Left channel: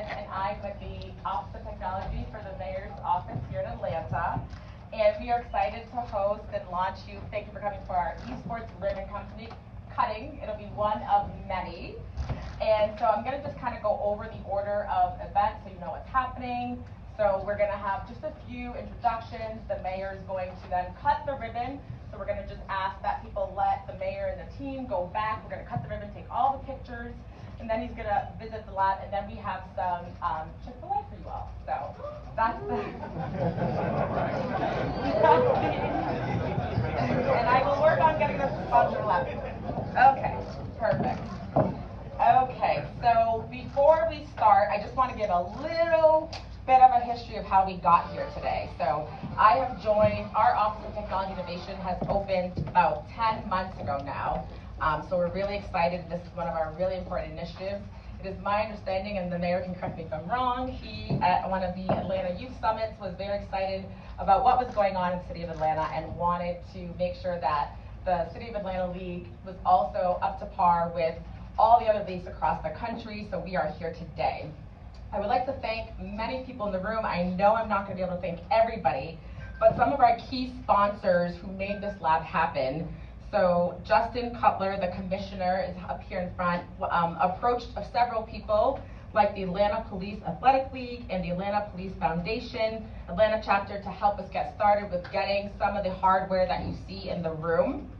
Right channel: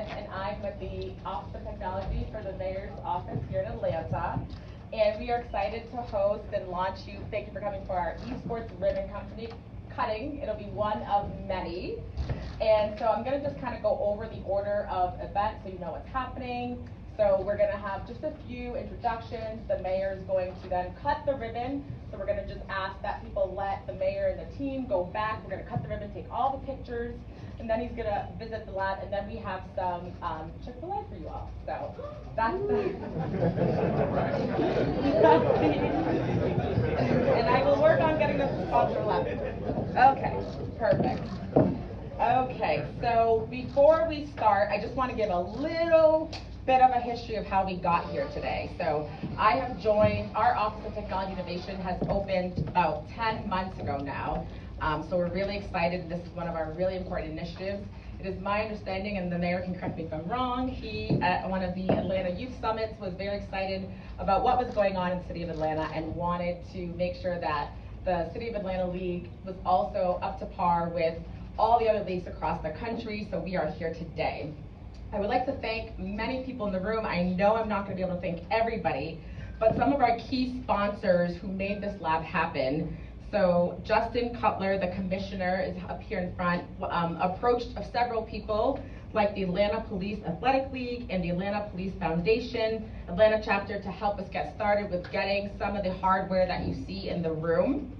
Smith, and I'm with the Office of Technology for the Mayor's Office here in Atlanta. And we are excited to host and launch you. Thank you for coming for our Esports ribbon company cutting. It'll be one of many. And so I'm going to just kind of go over the order of events so you know what's happening. So we're going to have just a few introductions. The mayor is going to then cut the ribbon. So we're going to just ask that people let the mayor and the team go back. We're going to cut the ribbon, take all the pictures, and then he's going to visit the lab, and then we have some Chick-fil-A for you all. So that's the and I will work on getting us to sponsor 11. Okay, perfect. Okay, so before we start, I just want to give a little bit of a history of how we got here today. So I have joined, our Office of Technology Innovation has opened about 10 months ago now. So we're really excited. This is one of our really important initiatives. It is my understanding, and the mayor can correct me if I'm wrong, he at one of the Atlanta Youth Summits was very excited about what was going on in the city of Atlanta and wanted to make sure that the City of Atlanta League was also up to par with all the other leagues across the country, so we are here today. I would like to thank many people in the room. I know I'm not going to be able to thank everybody, but some of our key sponsors who made this lab happen. So Justin Cutler, the commissioner, is up here in front, approached several people like the Atlanta Police Athletic League and the Atlanta Police Foundation, Atlanta chapter, to help us get started with getting some of the hardware that you see in the room.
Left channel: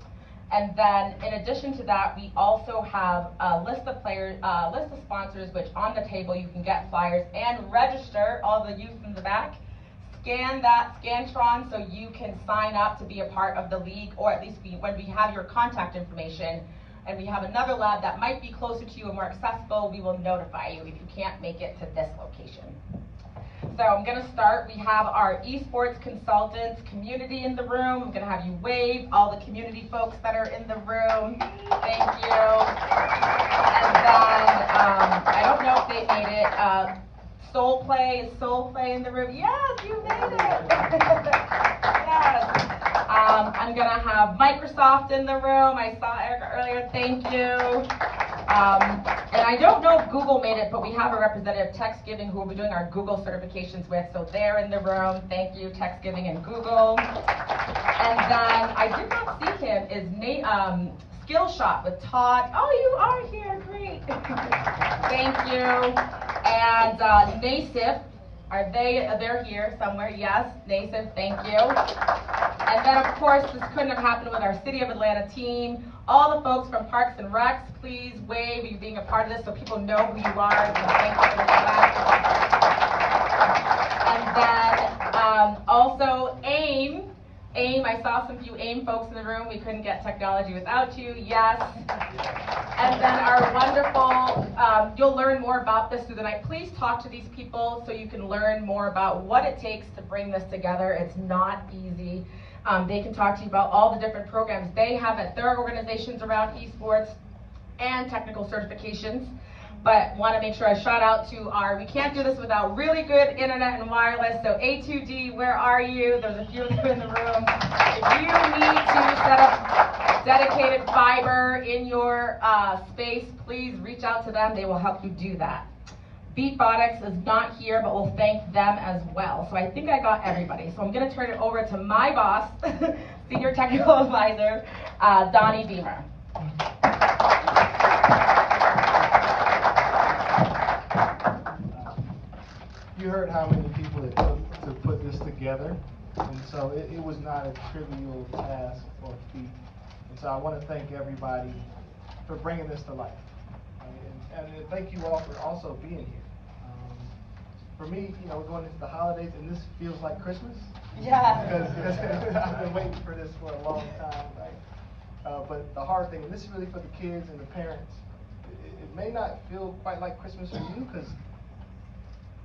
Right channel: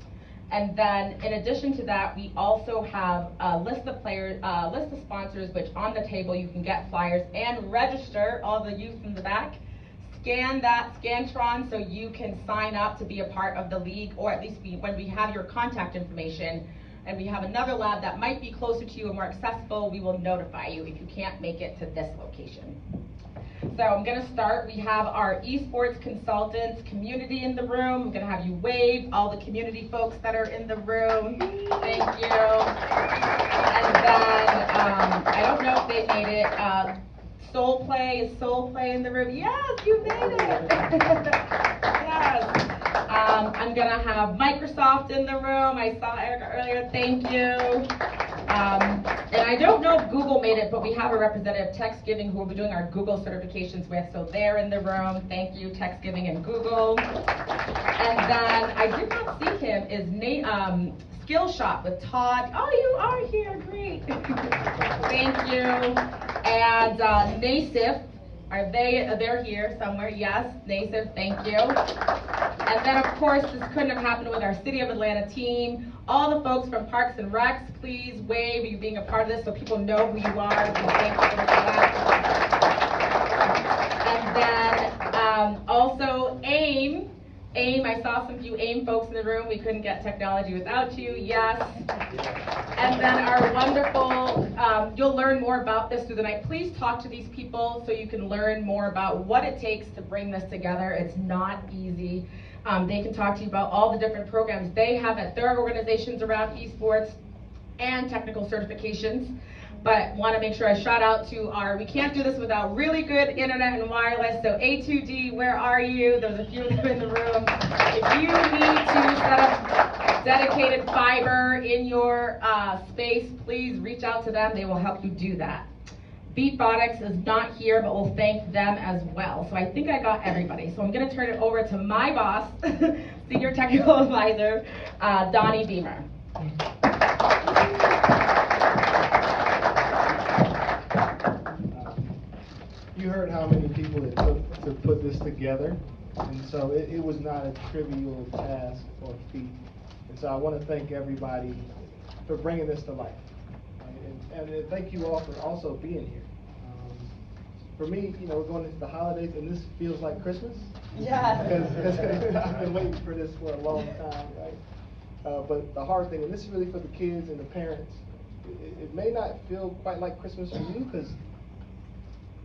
And then in addition to that, we also have a list of sponsors, which on the table you can get flyers and register, all the youth in the back. Scan that Scantron so you can sign up to be a part of the league, or at least when we have your contact information and we have another lab that might be closer to you and more accessible, we will notify you if you can't make it to this location. So I'm going to start. We have our esports consultants community in the room. I'm going to have you wave, all the community folks that are in the room. Thank you. And then, I don't know if they made it. Soul Play, is Soul Play in the room? Yes, you made it. Yes. I'm going to have Microsoft in the room. I saw Erica earlier. Thank you. And I don't know if Google made it, but we have a representative, TextGiving, who we'll be doing our Google certifications with, so they're in the room. Thank you, TextGiving and Google. And then I did not see him, is Nate, Skillshot with Todd. Oh, you are here, great. Thank you. And NASIF, they're here somewhere, yes, NASIF, thank you. And then of course, this couldn't have happened with our City of Atlanta team. All the folks from Parks and Recs, please wave you being a part of this so people know who you are. And then also AIM, I saw some few AIM folks in the room. We couldn't get technology without you, yes. And then our wonderful, you'll learn more about this through the night. Please talk to these people so you can learn more about what it takes to bring this together. It's not easy. They can talk to you about all the different programs they have at their organizations around esports and technical certifications. But want to make sure I shout out to we can't do this without really good internet and wireless. So A2D, where are you? There's a few of them in the room. If you need to set up dedicated fiber in your space, please reach out to them. They will help you do that. Beatbotics is not here, but we'll thank them as well. So I think I got everybody. So I'm going to turn it over to my boss, Senior Technical Advisor, Donnie Beamer. You heard how many people it took to put this together, and so it was not a trivial task or feat. And so I want to thank everybody for bringing this to life. And thank you all for also being here. For me, we're going into the holidays, and this feels like Christmas. Yeah. Because I've been waiting for this for a long time, right? But the hard thing, and this is really for the kids and the parents, it may not feel quite like Christmas for you, because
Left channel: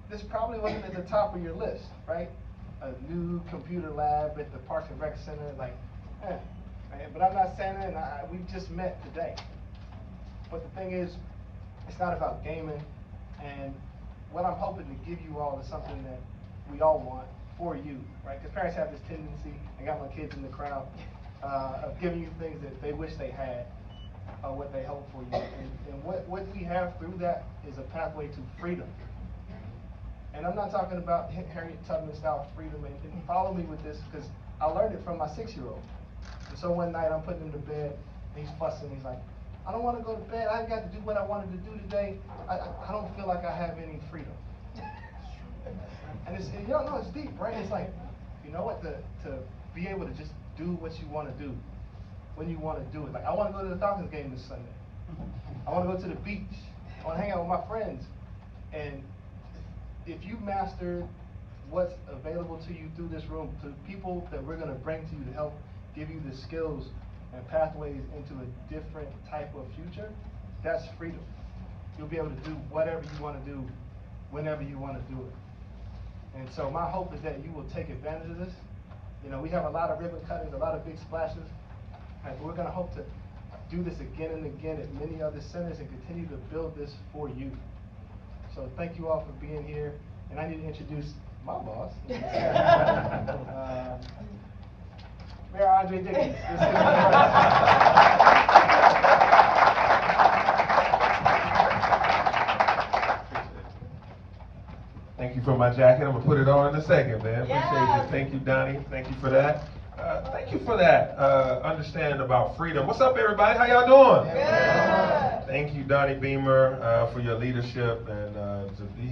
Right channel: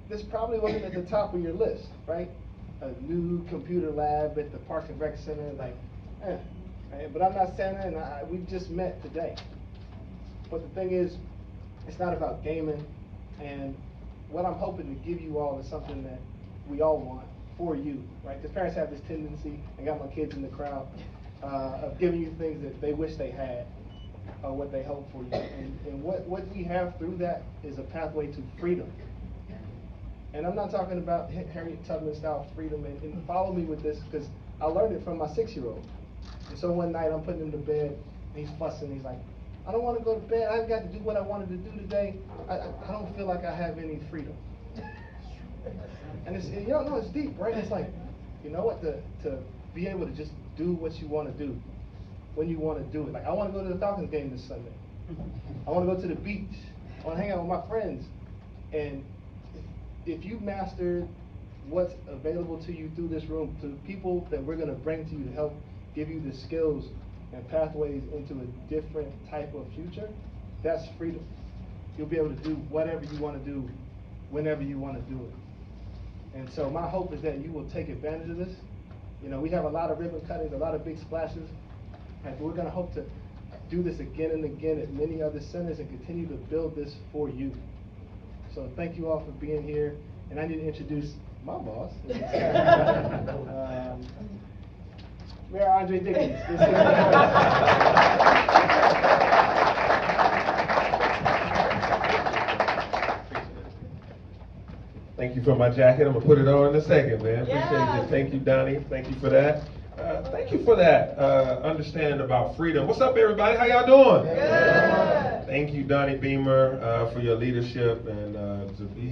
this probably wasn't at the top of your list, right? A new computer lab at the Parks and Rec Center, like, right? But I'm not Santa, and we just met today. But the thing is, it's not about gaming, and what I'm hoping to give you all is something that we all want for you, right? Because parents have this tendency, I got my kids in the crowd, of giving you things that they wish they had, or what they hope for you. And what we have through that is a pathway to freedom. And I'm not talking about Harriet Tubman style freedom, and follow me with this, because I learned it from my 6-year-old. And so one night I'm putting him to bed, and he's fussing, he's like, I don't want to go to bed, I got to do what I wanted to do today, I don't feel like I have any freedom. And it's, you know, no, it's deep, right? It's like, you know what, to be able to just do what you want to do, when you want to do it. Like, I want to go to the Falcons game this Sunday. I want to go to the beach. I want to hang out with my friends. And if you master what's available to you through this room, to people that we're going to bring to you to help give you the skills and pathways into a different type of future, that's freedom. You'll be able to do whatever you want to do, whenever you want to do it. And so my hope is that you will take advantage of this. You know, we have a lot of ribbon cuttings, a lot of big splashes. Right, but we're going to hope to do this again and again at many other centers and continue to build this for you. So thank you all for being here. And I need to introduce my boss, Mayor Andre Dickens. Thank you for my jacket. I'm gonna put it on in a second, man. Appreciate Yes. you. Thank you, Donnie. Thank you for that. Thank you for that understanding about freedom. What's up, everybody? How y'all doing? Good. Thank you, Donnie Beamer, for your leadership. And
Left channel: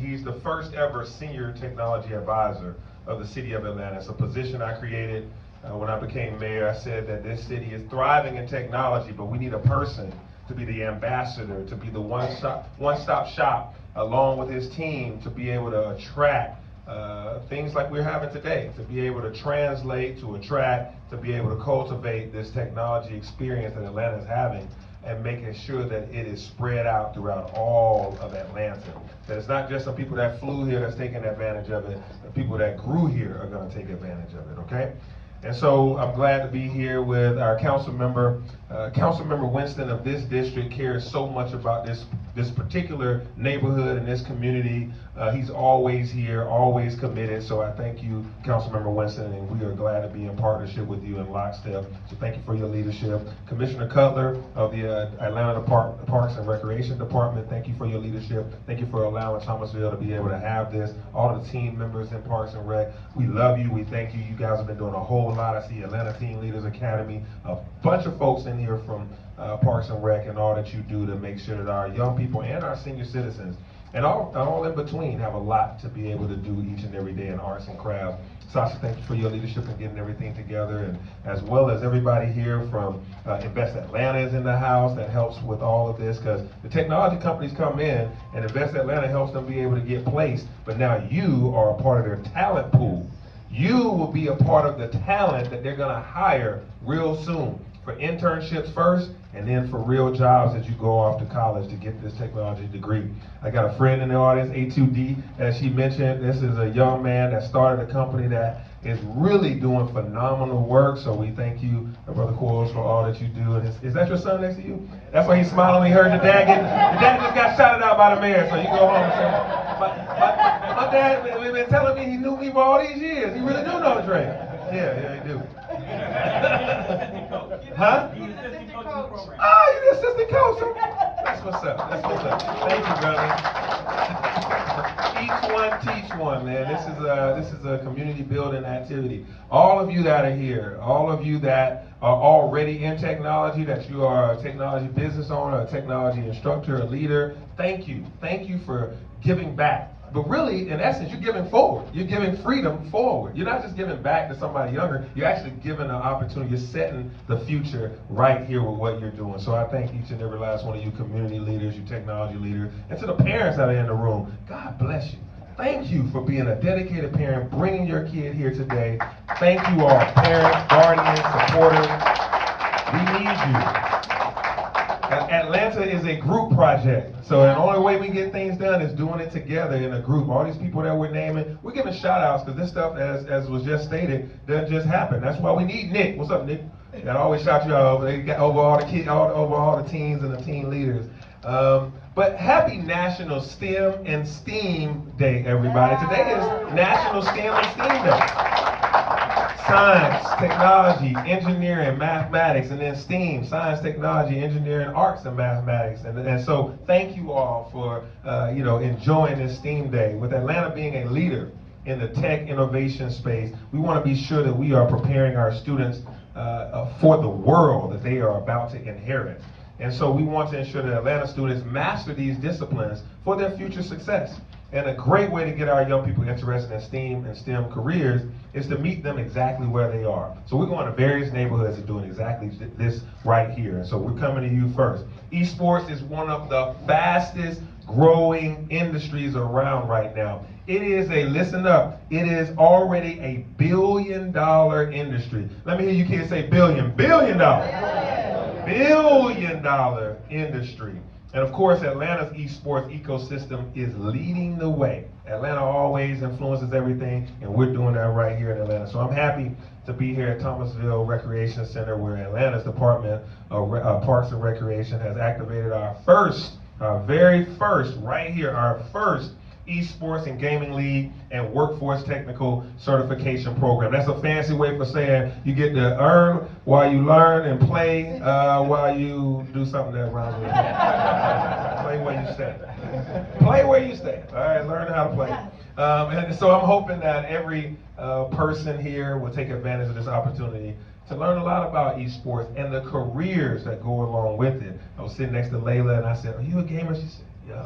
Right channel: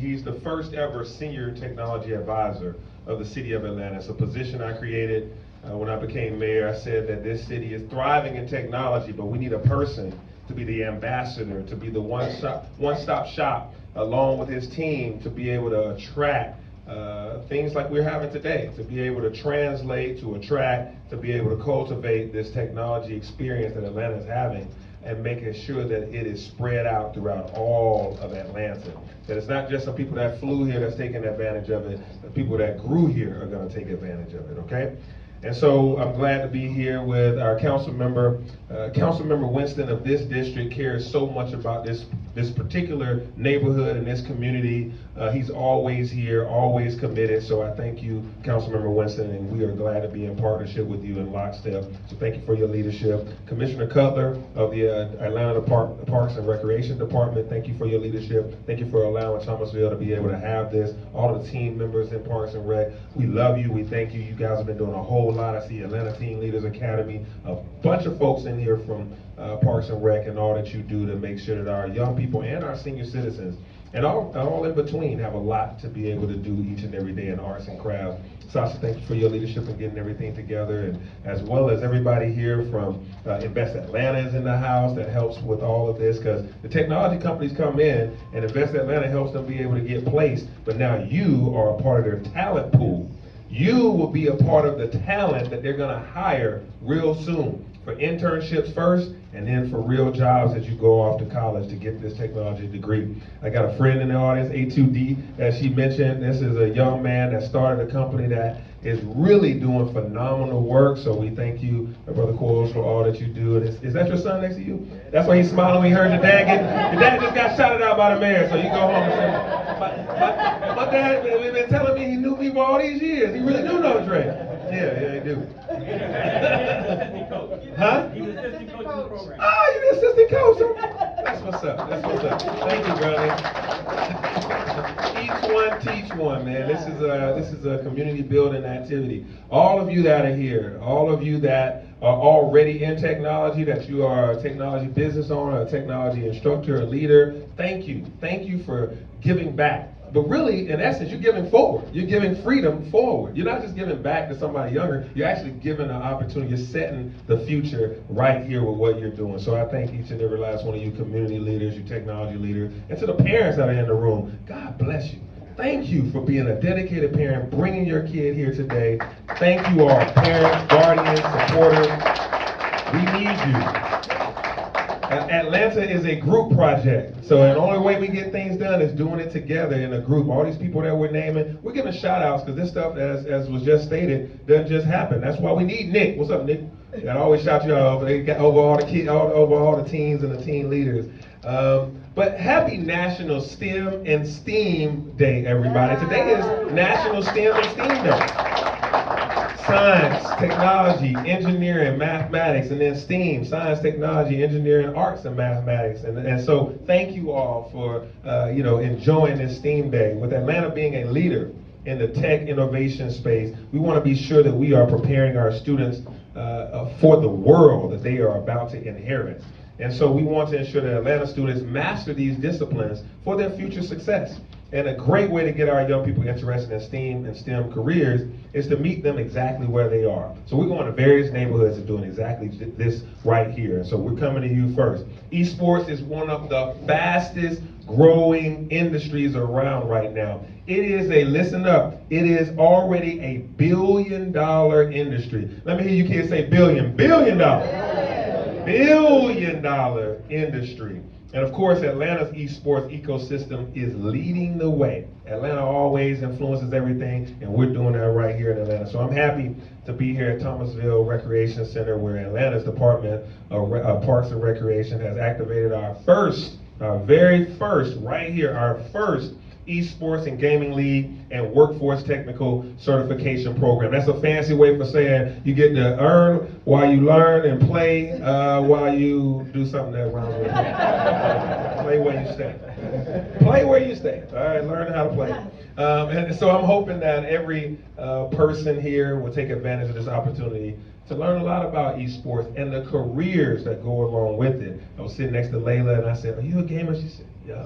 he's the first ever senior technology advisor of the city of Atlanta. It's a position I created when I became mayor. I said that this city is thriving in technology, but we need a person to be the ambassador, to be the one-stop shop, along with his team, to be able to attract things like we're having today, to be able to translate, to attract, to be able to cultivate this technology experience that Atlanta is having, and making sure that it is spread out throughout all of Atlanta. That it's not just the people that flew here that's taking advantage of it, the people that grew here are gonna take advantage of it, okay? And so I'm glad to be here with our council member. Councilmember Winston of this district cares so much about this particular neighborhood and this community. He's always here, always committed. So I thank you, Councilmember Winston, and we are glad to be in partnership with you in lockstep. So thank you for your leadership. Commissioner Cutler of the Atlanta Parks and Recreation Department, thank you for your leadership. Thank you for allowing Thomasville to be able to have this. All of the team members in Parks and Rec, we love you, we thank you. You guys have been doing a whole lot. I see Atlanta Teen Leaders Academy, a bunch of folks in here from Parks and Rec, and all that you do to make sure that our young people and our senior citizens and all in between have a lot to be able to do each and every day in arts and crafts. Sasha, thank you for your leadership in getting everything together, and as well as everybody here from Invest Atlanta is in the house that helps with all of this, because the technology companies come in and Invest Atlanta helps them be able to get placed, but now you are a part of their talent pool. You will be a part of the talent that they're gonna hire real soon for internships first, and then for real jobs as you go off to college to get this technology degree. I got a friend in the audience, A2D, as she mentioned. This is a young man that started a company that is really doing phenomenal work. So we thank you, Brother Quarles, for all that you do. And is that your son next to you? That's why he's smiling when he heard the dad get, the dad just got shouted out by the mayor. So you go home and say, my dad been telling me he knew me for all these years. He really do know Trey. Yeah, he do. Huh? He's the assistant coach of the program. Ah, you're the assistant coach. That's what's up. That's what's up. Thank you, brother. Each one teach one, man. This is a community building activity. All of you that are here, all of you that are already in technology, that you are a technology business owner, a technology instructor, a leader, thank you. Thank you for giving back. But really, in essence, you're giving forward. You're giving freedom forward. You're not just giving back to somebody younger. You're actually giving an opportunity. You're setting the future right here with what you're doing. So I thank each and every last one of you community leaders, you technology leaders, and to the parents that are in the room, God bless you. Thank you for being a dedicated parent, bringing your kid here today. Thank you all, parents, guardians, supporters. We need you. Atlanta is a group project, so the only way we get things done is doing it together in a group. All these people that we're naming, we're giving shout outs because this stuff, as was just stated, doesn't just happen. That's why we need Nick. What's up, Nick? I always shout you out over all the kids, over all the teens and the teen leaders. But happy National STEM and STEAM Day, everybody. Today is National STEM and STEAM Day. Science, technology, engineering, mathematics, and then STEAM, science, technology, engineering, arts, and mathematics. And so thank you all for enjoying this STEAM Day. With Atlanta being a leader in the tech innovation space, we want to be sure that we are preparing our students for the world that they are about to inherit. And so we want to ensure that Atlanta students master these disciplines for their future success. And a great way to get our young people interested in STEAM and STEM careers is to meet them exactly where they are. So we're going to various neighborhoods and doing exactly this right here. And so we're coming to you first. Esports is one of the fastest growing industries around right now. It is listen up, it is already a $1 billion industry. Let me hear you kids say billion. $1 billion industry. And of course, Atlanta's esports ecosystem is leading the way. Atlanta always influences everything, and we're doing that right here in Atlanta. So I'm happy to be here at Thomasville Recreation Center, where Atlanta's Department of Parks and Recreation has activated our very first, right here, our first Esports and Gaming League and Workforce Technical Certification Program. That's a fancy way for saying you get to earn while you learn and play while you do something that rhymes with it. Play where you stand. Play where you stand. All right, learn how to play. And so I'm hoping that every person here will take advantage of this opportunity to learn a lot about esports and the careers that go along with it. I was sitting next to Layla and I said, "Are you a gamer?" She said, "Yeah."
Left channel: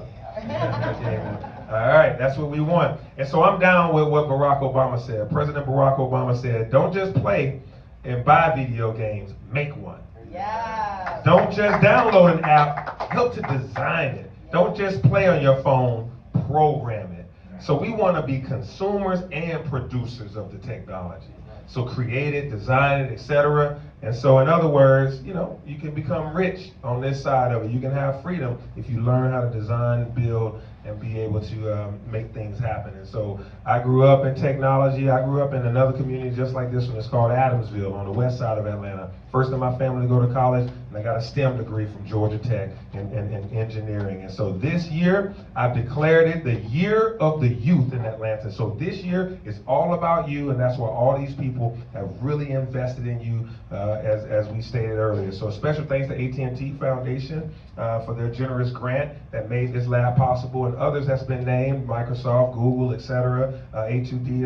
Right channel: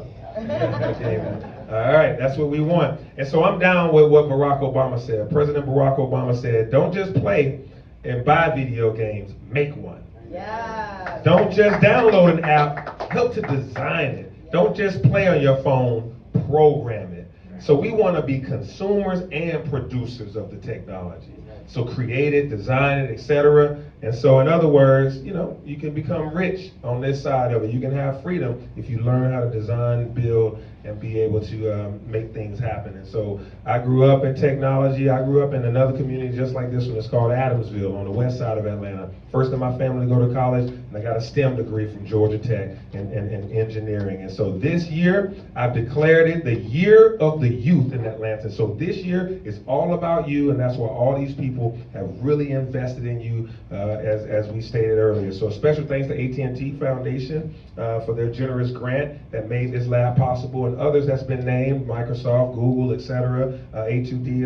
All right, that's what we want. And so I'm down with what Barack Obama said. President Barack Obama said, "Don't just play and buy video games, make one." Yeah. Don't just download an app, help to design it. Don't just play on your phone, program it. So we want to be consumers and producers of the technology. So create it, design it, etc. And so in other words, you can become rich on this side of it. You can have freedom if you learn how to design, build, and be able to make things happen. And so I grew up in technology. I grew up in another community just like this one. It's called Adamsville on the west side of Atlanta. First in my family to go to college, and I got a STEM degree from Georgia Tech in engineering. And so this year, I've declared it the year of the youth in Atlanta. So this year is all about you, and that's why all these people have really invested in you, as we stated earlier. So special thanks to AT&T Foundation for their generous grant that made this lab possible, and others that's been named, Microsoft, Google, etc. A2D,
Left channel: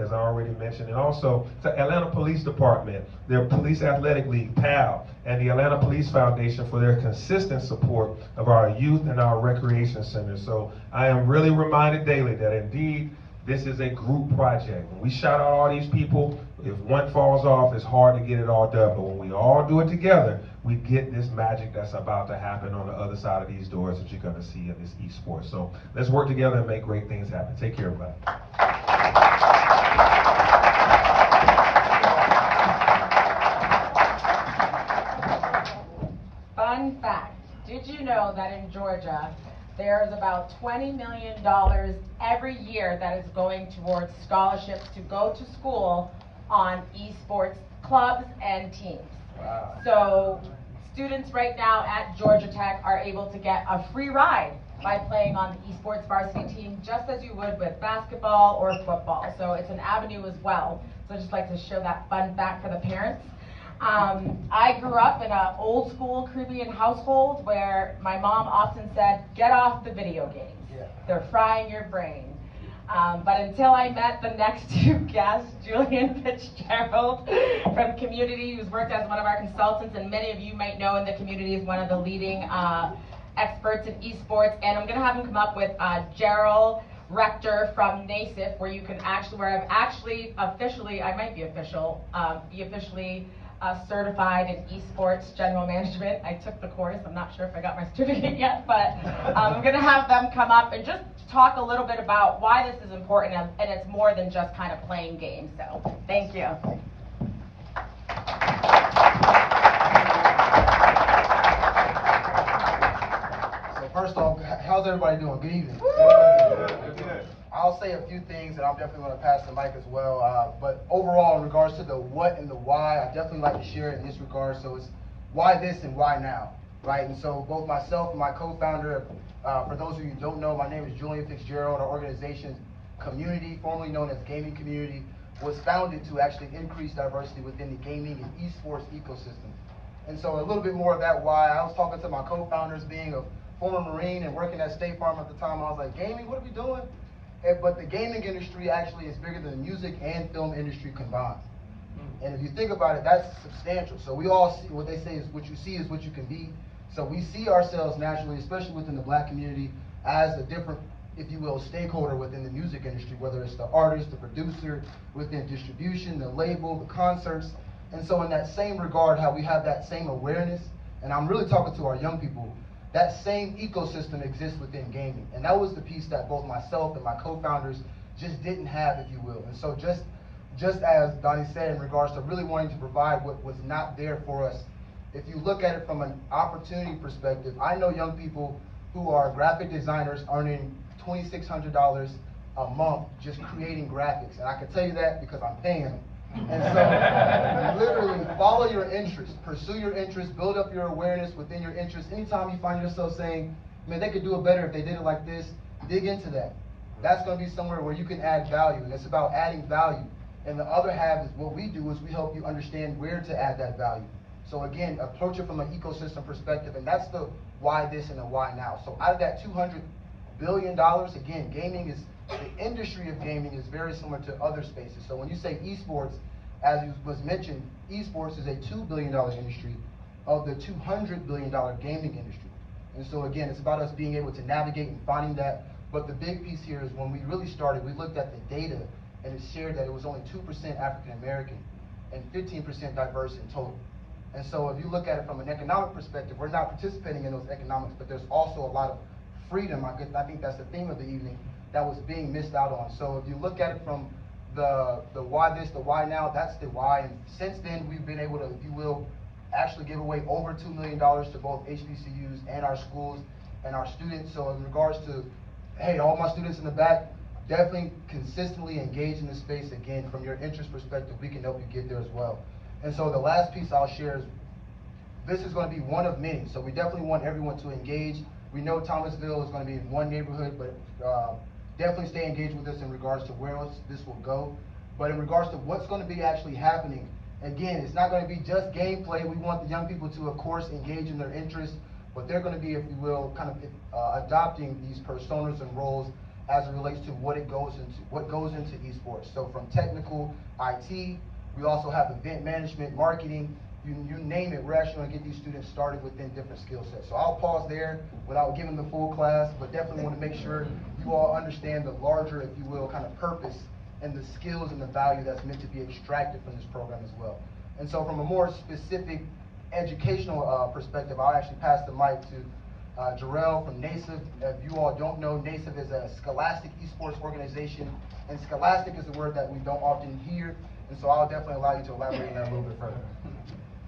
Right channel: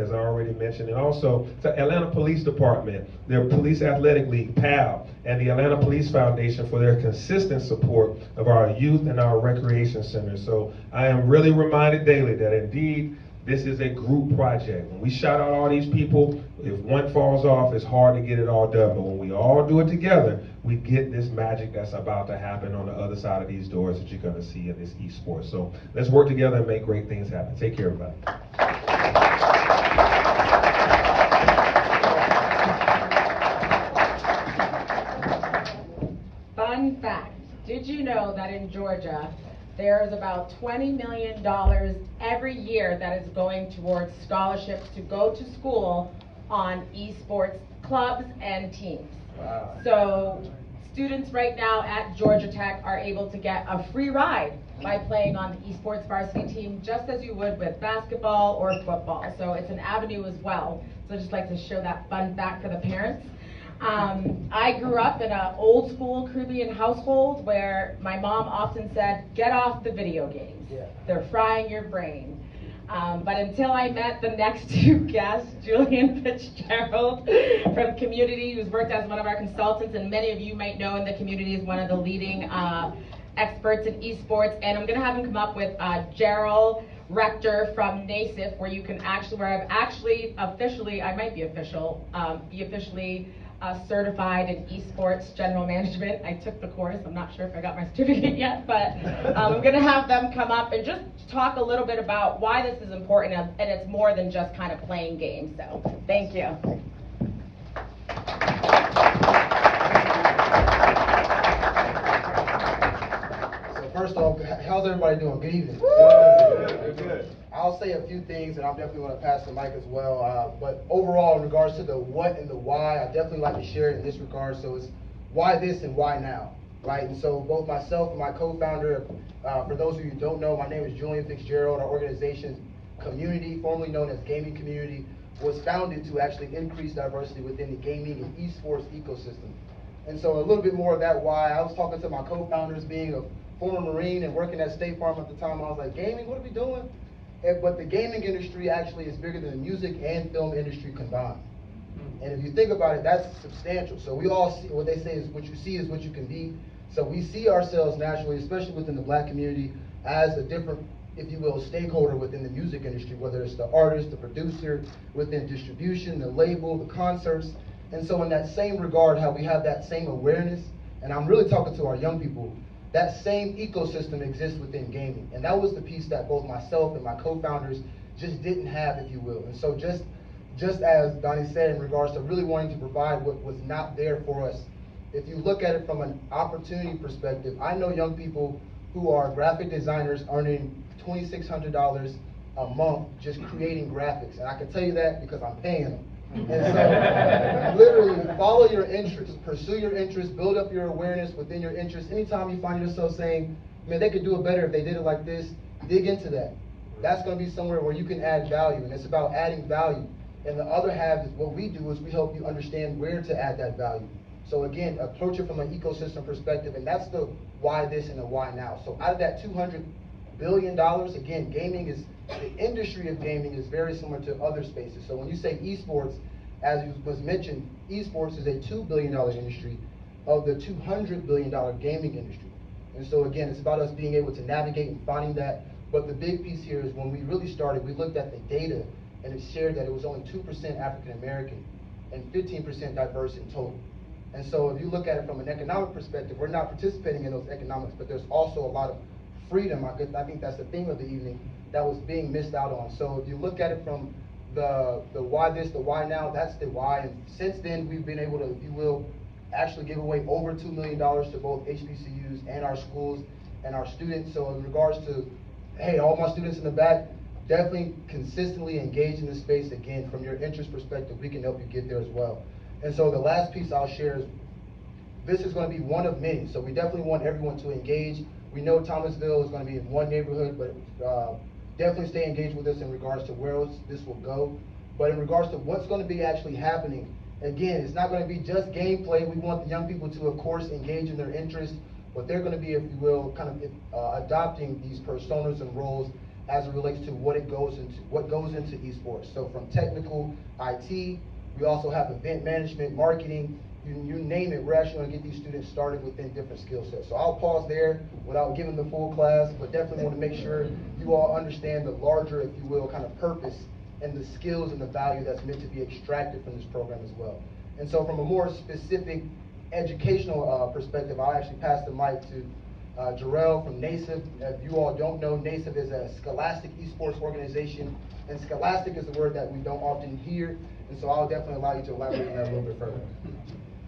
as I already mentioned, and also to Atlanta Police Department, their Police Athletic League, PAL, and the Atlanta Police Foundation for their consistent support of our youth and our recreation centers. So I am really reminded daily that indeed this is a group project. When we shout out all these people, if one falls off, it's hard to get it all done. But when we all do it together, we get this magic that's about to happen on the other side of these doors that you're going to see in this esports. So let's work together and make great things happen. Take care, everybody. Fun fact, did you know that in Georgia, there's about $20 million every year that is going towards scholarships to go to school on esports clubs and teams. Wow. So students right now at Georgia Tech are able to get a free ride by playing on the esports varsity team, just as you would with basketball or football. So it's an avenue as well. So I just like to show that fun fact for the parents. I grew up in an old school Caribbean household where my mom often said, "Get off the video games. They're frying your brain." But until I met the next two guests, Julian Fitzgerald from Community, who's worked as one of our consultants, and many of you might know in the community is one of the leading experts in esports, and I'm gonna have him come up with Gerald Rector from NASIF, where I've actually officially, I might be officially certified in esports general management. I took the course. I'm not sure if I got my certificate yet, but I'm going to have them come up and just talk a little bit about why this is important, and it's more than just kind of playing games. So thank you. So First off, how's everybody doing? Good evening. Good. I'll say a few things, and I'm definitely going to pass the mic as well. But overall, in regards to the what and the why, I definitely like to share it in this regard. So it's why this and why now, right? And so both myself and my co-founder, for those of you who don't know, my name is Julian Fitzgerald. Our organization, Community, formerly known as Gaming Community, was founded to actually increase diversity within the gaming and esports ecosystem. And so a little bit more of that why. I was talking to my co-founders, being a former Marine and working at State Farm at the time. I was like, gaming, what are we doing? But the gaming industry actually is bigger than the music and film industry combined. And if you think about it, that's substantial. So we all see, what they say is what you see is what you can be. So we see ourselves naturally, especially within the Black community, as a different, if you will, stakeholder within the music industry, whether it's the artist, the producer, within distribution, the label, the concerts. And so in that same regard, how we have that same awareness, and I'm really talking to our young people, that same ecosystem exists within gaming. And that was the piece that both myself and my co-founders just didn't have, if you will. And so just as Donnie said, in regards to really wanting to provide what was not there for us, if you look at it from an opportunity perspective, I know young people who are graphic designers earning $2,600 a month just creating graphics. And I can tell you that because I'm paying them. And so literally follow your interests, pursue your interests, build up your awareness within your interests. Anytime you find yourself saying, man, they could do it better if they did it like this, dig into that. That's going to be somewhere where you can add value, and it's about adding value. And the other half is what we do is we help you understand where to add that value. So again, approach it from an ecosystem perspective, and that's the why this and the why now. So out of that $200 billion, again, gaming is, the industry of gaming is very similar to other spaces. So when you say esports, as was mentioned, esports is a $2 billion industry of the $200 billion gaming industry. And so again, it's about us being able to navigate and finding that. But the big piece here is when we really started, we looked at the data, and it shared that it was only 2% African American and 15% diverse in total. And so if you look at it from an economic perspective, we're not participating in those economics, but there's also a lot of freedom. I think that's the theme of the evening that was being missed out on. So if you look at it from the why this, the why now, that's the why. And since then, we've been able to, if you will, actually give away over $2 million to both HBCUs and our schools and our students. So in regards to, hey, all my students in the back, definitely consistently engage in this space. Again, from your interest perspective, we can help you get there as well. And so the last piece I'll share is, this is going to be one of many. So we definitely want everyone to engage. We know Thomasville is going to be in one neighborhood, but definitely stay engaged with us in regards to where else this will go. But in regards to what's going to be actually happening, again, it's not going to be just gameplay. We want the young people to, of course, engage in their interests, but they're going to be, if you will, kind of adopting these personas and roles as it relates to what goes into esports. So from technical, IT, we also have event management, marketing, you name it. We're actually going to get these students started within different skill sets. So I'll pause there without giving the full class, but definitely want to make sure you all understand the larger, if you will, kind of purpose and the skills and the value that's meant to be extracted from this program as well. And so from a more specific educational perspective, I'll actually pass the mic to Jarrell from NASIP. If you all don't know, NASIP is a scholastic esports organization, and scholastic is a word that we don't often hear, and so I'll definitely allow you to elaborate on that a little bit further.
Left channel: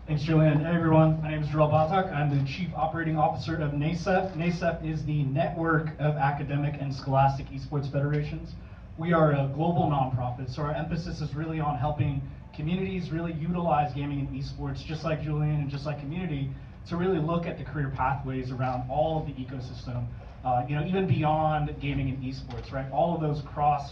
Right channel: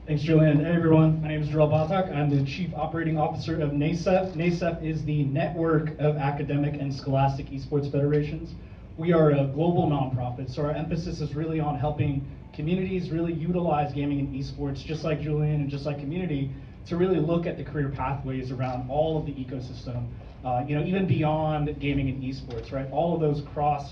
Thanks, Julian. Hey, everyone. My name is Jarrell Batak. I'm the Chief Operating Officer of NASEF. NASEF is the network of academic and scholastic esports federations. We are a global nonprofit, so our emphasis is really on helping communities really utilize gaming and esports, just like Julian and just like Community, to really look at the career pathways around all of the ecosystem, even beyond gaming and esports, right? All of those cross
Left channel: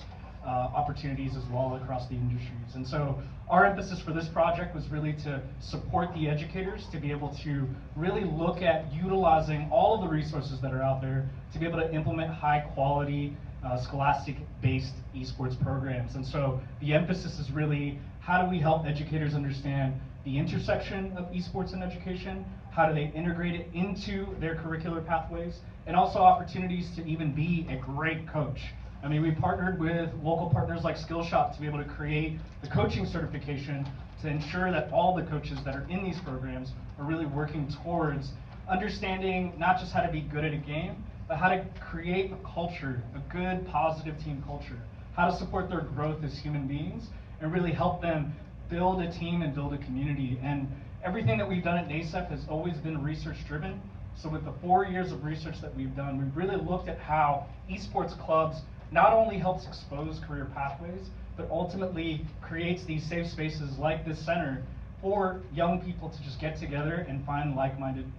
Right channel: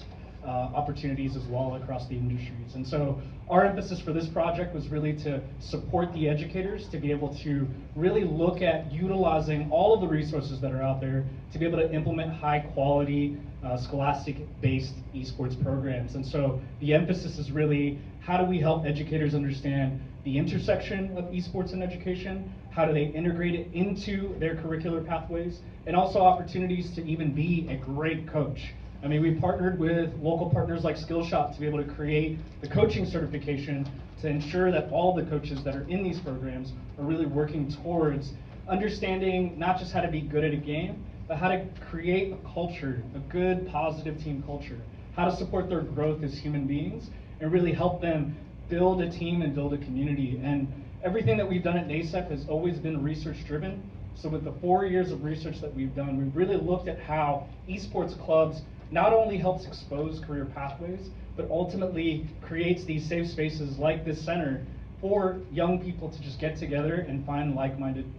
opportunities as well across the industries. And so our emphasis for this project was really to support the educators to be able to really look at utilizing all of the resources that are out there to be able to implement high quality scholastic-based esports programs. And so the emphasis is really, how do we help educators understand the intersection of esports and education? How do they integrate it into their curricular pathways? And also opportunities to even be a great coach. I mean, we partnered with local partners like Skillshop to be able to create the coaching certification to ensure that all the coaches that are in these programs are really working towards understanding not just how to be good at a game, but how to create a culture, a good, positive team culture, how to support their growth as human beings, and really help them build a team and build a community. And everything that we've done at NASEF has always been research driven. So with the 4 years of research that we've done, we've really looked at how esports clubs not only helps expose career pathways, but ultimately creates these safe spaces like this center for young people to just get together and find like-minded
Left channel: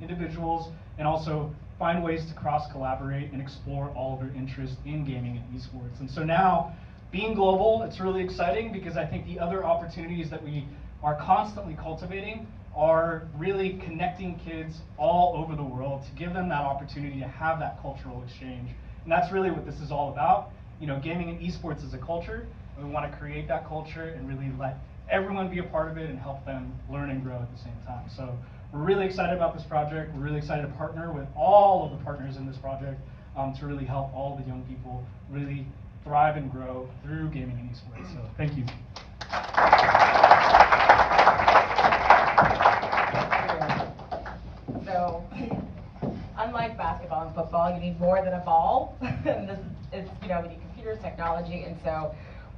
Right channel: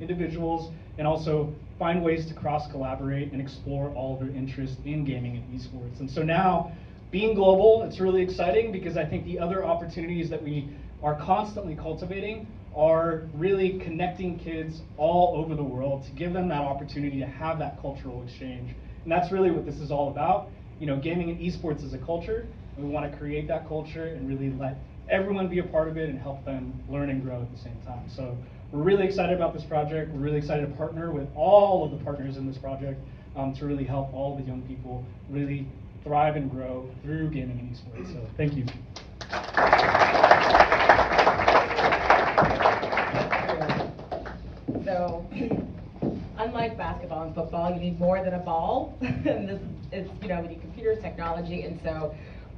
individuals, and also find ways to cross-collaborate and explore all of their interests in gaming and esports. And so now, being global, it's really exciting because I think the other opportunities that we are constantly cultivating are really connecting kids all over the world to give them that opportunity to have that cultural exchange. And that's really what this is all about. Gaming and esports is a culture, and we want to create that culture and really let everyone be a part of it and help them learn and grow at the same time. So we're really excited about this project. We're really excited to partner with all of the partners in this project to really help all the young people really thrive and grow through gaming and esports. So thank you. So, unlike basketball and football, you need more than a ball. And this is, we need computers, technology, and so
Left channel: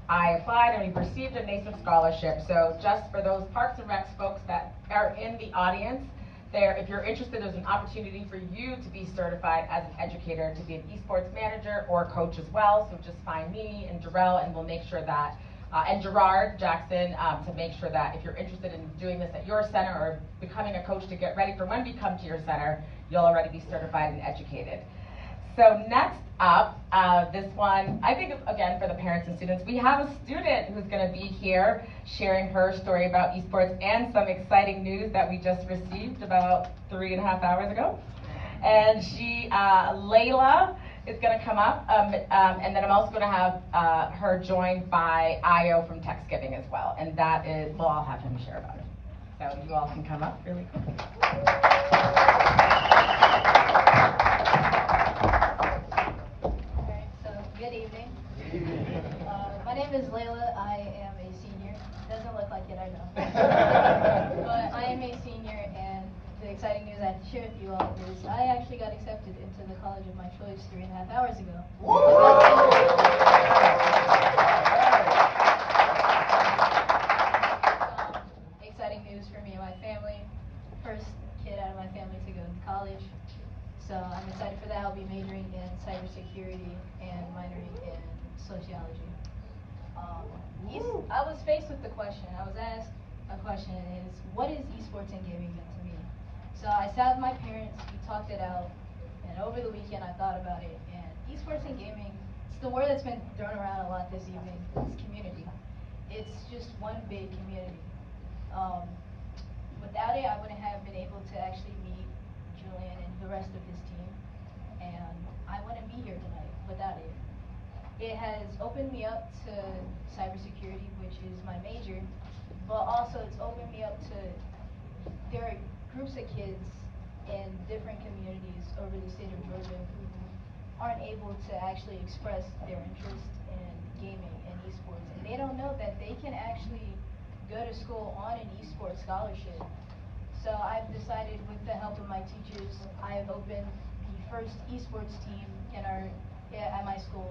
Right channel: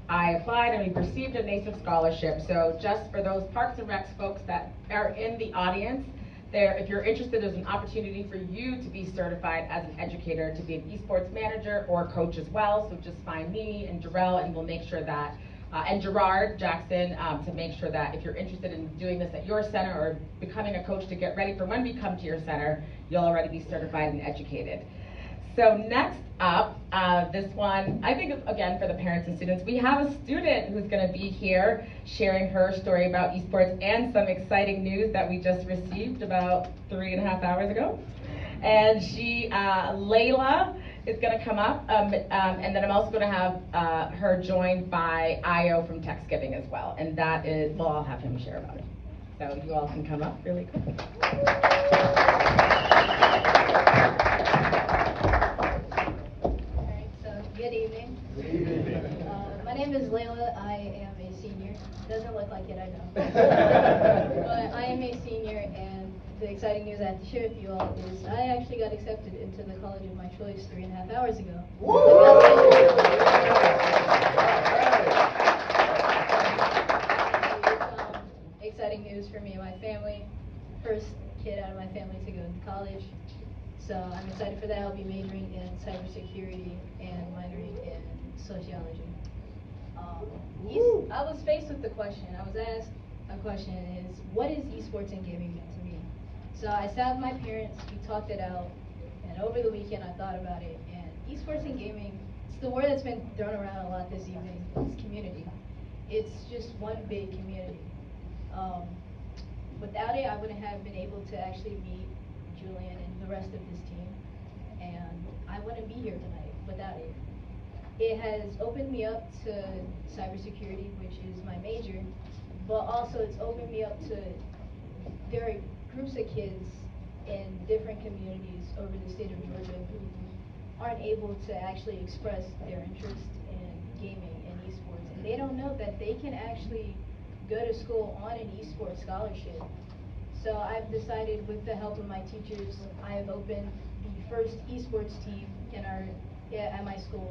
I applied and we received a NASEF scholarship. So just for those Parks and Recs folks that are in the audience, if you're interested, there's an opportunity for you to be certified as an educator, to be an esports manager or a coach as well. So just find me and Jarrell, and we'll make sure that, and Gerard Jackson, to make sure that if you're interested in doing this at your center or becoming a coach to get ready for when we come to your center, you'll already be certified and educated. So next up, this one, I think, again, for the parents and students, we have a student who's going to be here sharing her story about esports and some exciting news that we just received about 3.5 hours ago. And she, Layla, is going to come up, and then I'm also going to have her joined by Io from Thanksgiving as well. And that is, well, I'll have him share about it. So you all can come up really quick. Good evening. My name is Layla. I am a senior. Doesn't look like it, I know. But I am a senior, and the exciting news I have to share with you all is I actually got accepted into the college of my choice 3.5 hours ago. Exciting news for me and my family. First kid out of my family to go to college. So I'm excited for that. I'll be majoring in cybersecurity and minoring in sociology. I was faced with the question. I was asked a question is, what is esports and gaming mean to me? So I sat with my parents, we talked it out, and over the weekend I thought about it. And esports and gaming, it's the word that's been thrown around a lot this evening. It's community. It's just one big community. Without it, I wouldn't have been able to actually meet Julian and the rest of his team, and I wouldn't be here tonight without it. It has opened me up to cybersecurity, which is my major, but also it's opened me up to, there are groups of kids in different communities over the state of Georgia who aren't able to actually express their interest in gaming and esports, and they don't know that they can actually go to school on an esports scholarship. So I've decided, with the help of my teachers, I have opened the first esports team at my school,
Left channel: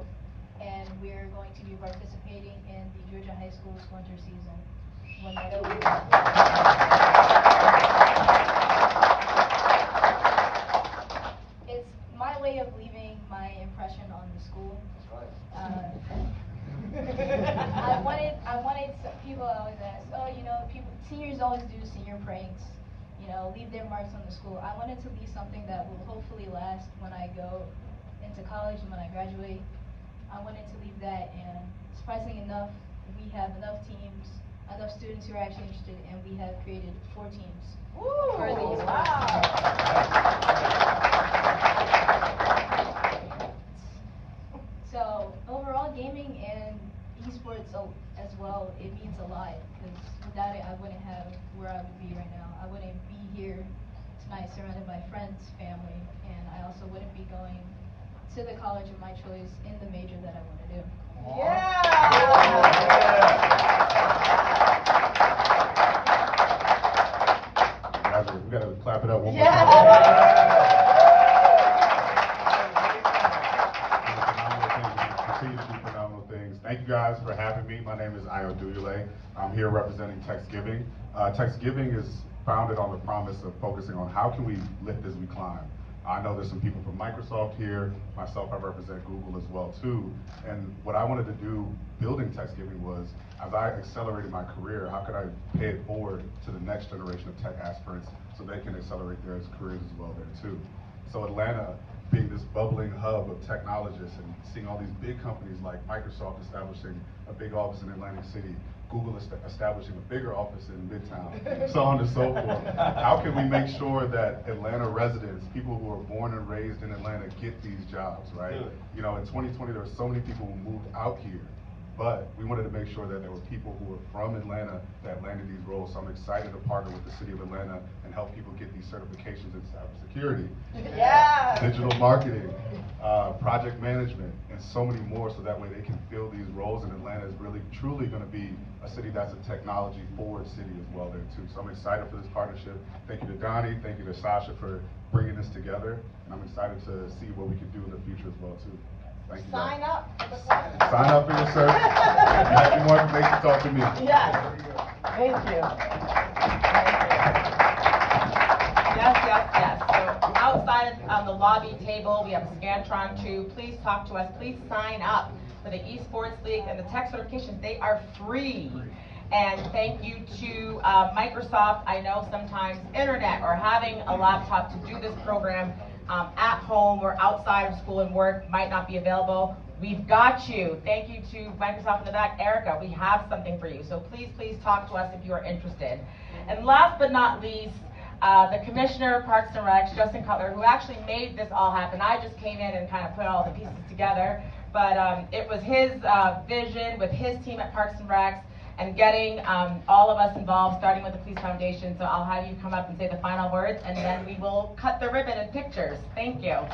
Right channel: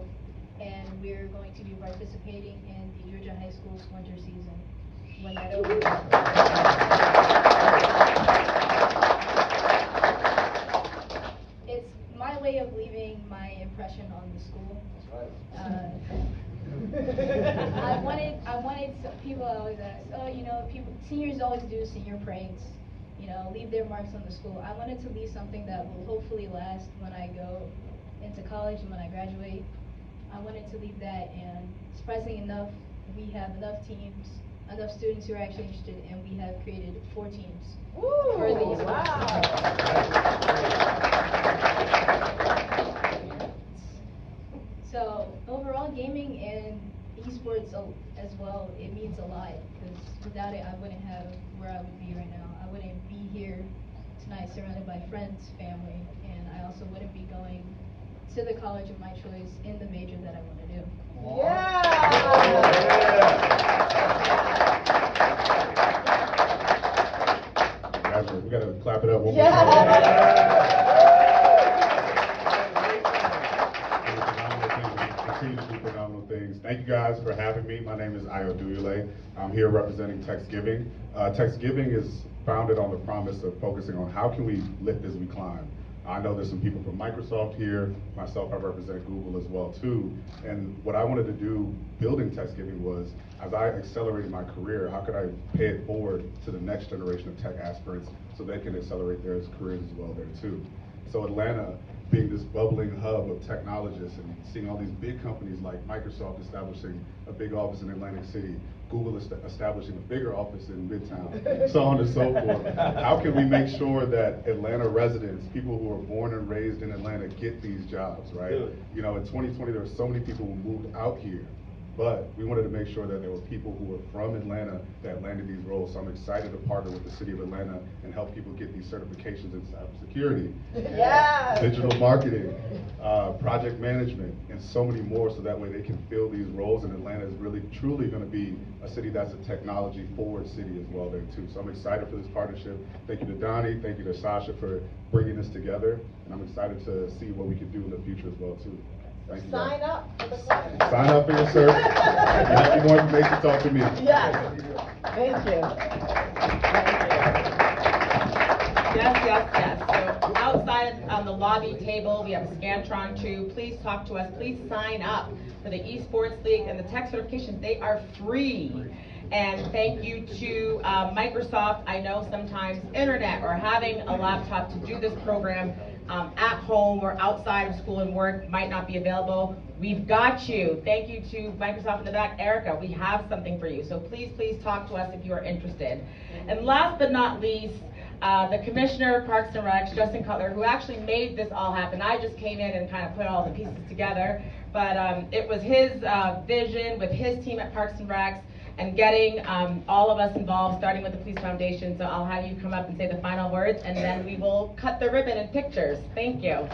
and we're going to be participating in the Georgia High School's winter season when that opens. It's my way of leaving my impression on the school. I wanted some people always ask, seniors always do senior pranks, leave their marks on the school. I wanted to leave something that will hopefully last when I go into college and when I graduate. I wanted to leave that, and surprisingly enough, we have enough teams, enough students who are actually interested, and we have created 4 teams. Woo! For these So overall, gaming and esports as well, it means a lot, because without it, I wouldn't have where I would be right now. I wouldn't be here tonight surrounded by friends, family, and I also wouldn't be going to the college of my choice in the major that I want to do. Yeah! Guys, we gotta clap it up one more Yeah. time. Continue to do phenomenal things. Thank you guys for having me. My name is Io Duyule. I'm here representing Thanksgiving. Thanksgiving is founded on the promise of focusing on how can we lift as we climb. I know there's some people from Microsoft here. Myself, I represent Google as well too. And what I wanted to do building TechGiving was, as I accelerated my career, how could I pay it forward to the next generation of tech aspirants so they can accelerate their careers as well there too. So Atlanta, being this bubbling hub of technologists and seeing all these big companies like Microsoft establishing a big office in Atlantic City, Google establishing a bigger office in Midtown, so on and so forth. How can we make sure that Atlanta residents, people who are born and raised in Atlanta, get these jobs, right? You know, in 2020, there were so many people who moved out here, but we wanted to make sure that there were people who were from Atlanta that landed these roles. So I'm excited to partner with the city of Atlanta and help people get these certifications in cybersecurity, digital marketing, project management, and so many more, so that way they can fill these roles. And Atlanta is really, truly going to be a city that's a technology forward city as well there too. So I'm excited for this partnership. Thank you to Donnie, thank you to Sasha for bringing this together, and I'm excited to see what we can do in the future as well too. Thank you. Sign up for the course. Sign up for your search. If you have any more information, talk to me. Yes. Thank you. Yes. So outside on the lobby table, we have a Scantron too. Please talk to us. Please sign up for the Esports League and the tech certifications. They are free. And thank you to Microsoft. I know sometimes internet or having a laptop to do this program at home or outside of school and work might not be available. We've got you. Thank you to Microsoft in the back. Erica, we have something for you. So please talk to us if you are interested. And last but not least, the Commissioner of Parks and Recs, Justin Cutler, who actually made this all happen. I just came in and kind of put all the pieces together, but it was his vision with his team at Parks and Recs and getting all of us involved, starting with the Police Foundation. So I'll have you come up and say the final words, and then we will cut the ribbon and pictures. Thank you.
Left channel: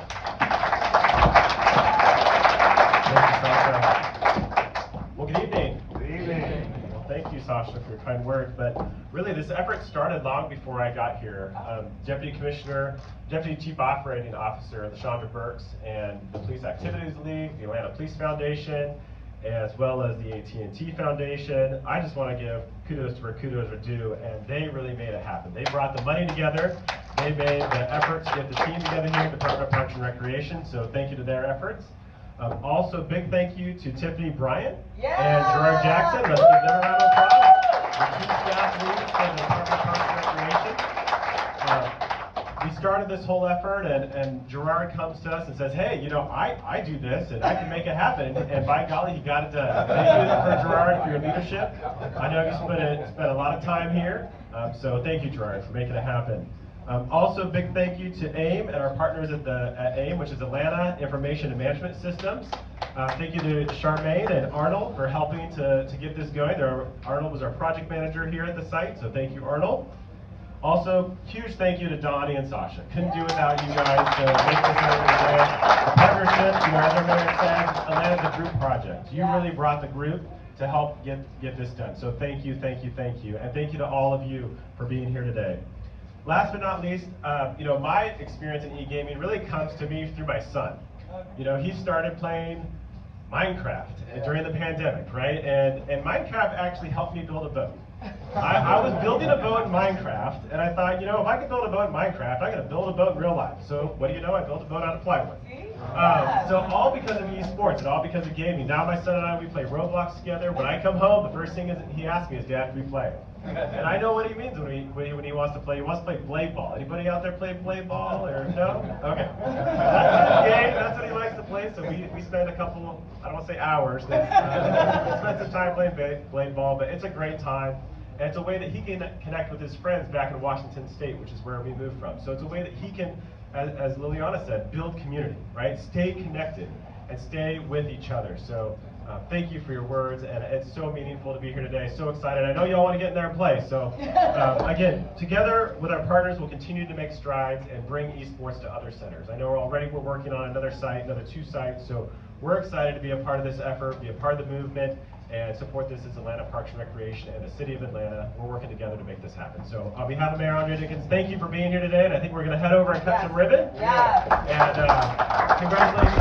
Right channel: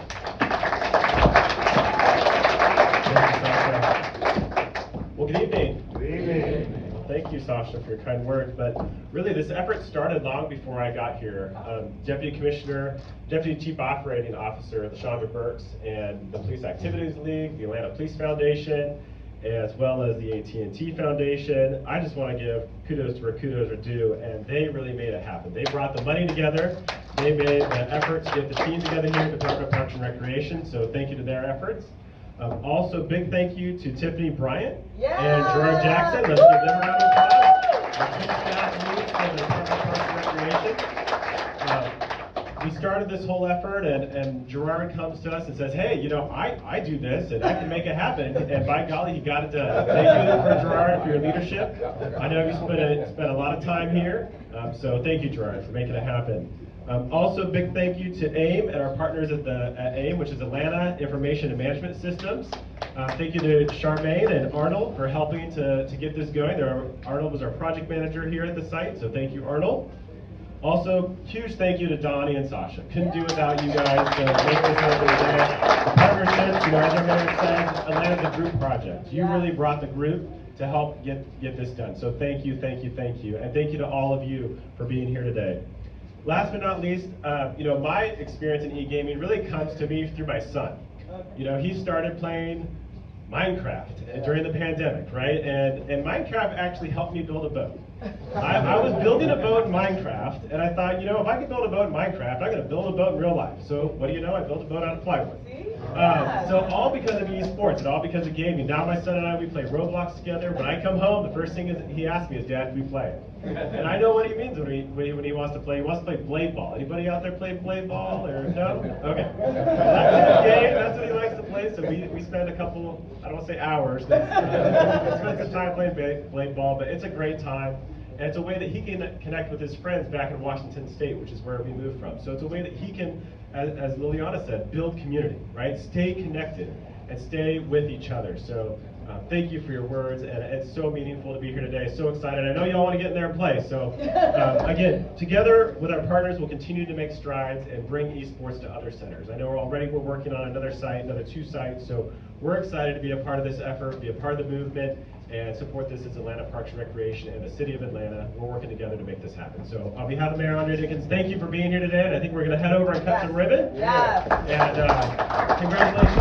Well, good evening. Good evening. Well, thank you, Sasha, for your kind words. But really, this effort started long before I got here. Deputy Chief Operating Officer, Chandra Burks, and the Police Activities League, the Atlanta Police Foundation, as well as the AT&T Foundation. I just want to give kudos to where kudos are due, and they really made it happen. They brought the money together. They made the effort to get the team together here at the Department of Parks and Recreation, so thank you to their efforts. Also, big thank you to Tiffany Bryant and Gerard Jackson. Let's give them a round of applause. Our two staff leads from the Department of Parks and Recreation. We started this whole effort, and Gerard comes to us and says, hey, you know, I do this, and I can make it happen, and by golly, you got it done. Thank you for Gerard for your leadership. I know you spent a lot of time here, so thank you, Gerard, for making it happen. Also, big thank you to AIM and our partners at AIM, which is Atlanta Information and Management Systems. Thank you to Charmaine and Arnold for helping to get this going. Arnold was our project manager here at the site, so thank you, Arnold. Also, huge thank you to Donnie and Sasha. Couldn't do without you guys to make this happen today. The partnerships, you know, as everyone says, Atlanta's a group project. You really brought the group to help get this done. So thank you. And thank you to all of you for being here today. Last but not least, you know, my experience in e-gaming really comes to me through my son. You know, he started playing Minecraft during the pandemic, right? And Minecraft actually helped me build a boat. I was building a boat in Minecraft, and I thought, you know, if I can build a boat in Minecraft, I'm going to build a boat in real life. So what do you know? I built a boat out of plywood. So all because of esports and all because of gaming. Now my son and I, we play Roblox together. When I come home, the first thing he asks me is, Dad, do we play? And I know what he means when he wants to play. He wants to play blade ball. Anybody out there play blade ball or no? Okay. That's his game. That's what he likes to play. So we spend a couple, I don't want to say hours, we spend some time playing blade ball, but it's a great time. And it's a way that he can connect with his friends back in Washington State, which is where we moved from. So it's a way that he can, as Liliana said, build community, right? Stay connected and stay with each other. So thank you for your words, and it's so meaningful to be here today. So excited. I know y'all want to get in there and play. So again, together with our partners, we'll continue to make strides and bring esports to other centers. I know we're working on another site, another 2 sites. So we're excited to be a part of this effort, be a part of the movement, and support this as Atlanta Parks and Recreation and the City of Atlanta. We're working together to make this happen. So on behalf of Mayor Andre Dickens, thank you for being here today, and I think we're going to head over and cut some ribbon. Yes. And congratulations.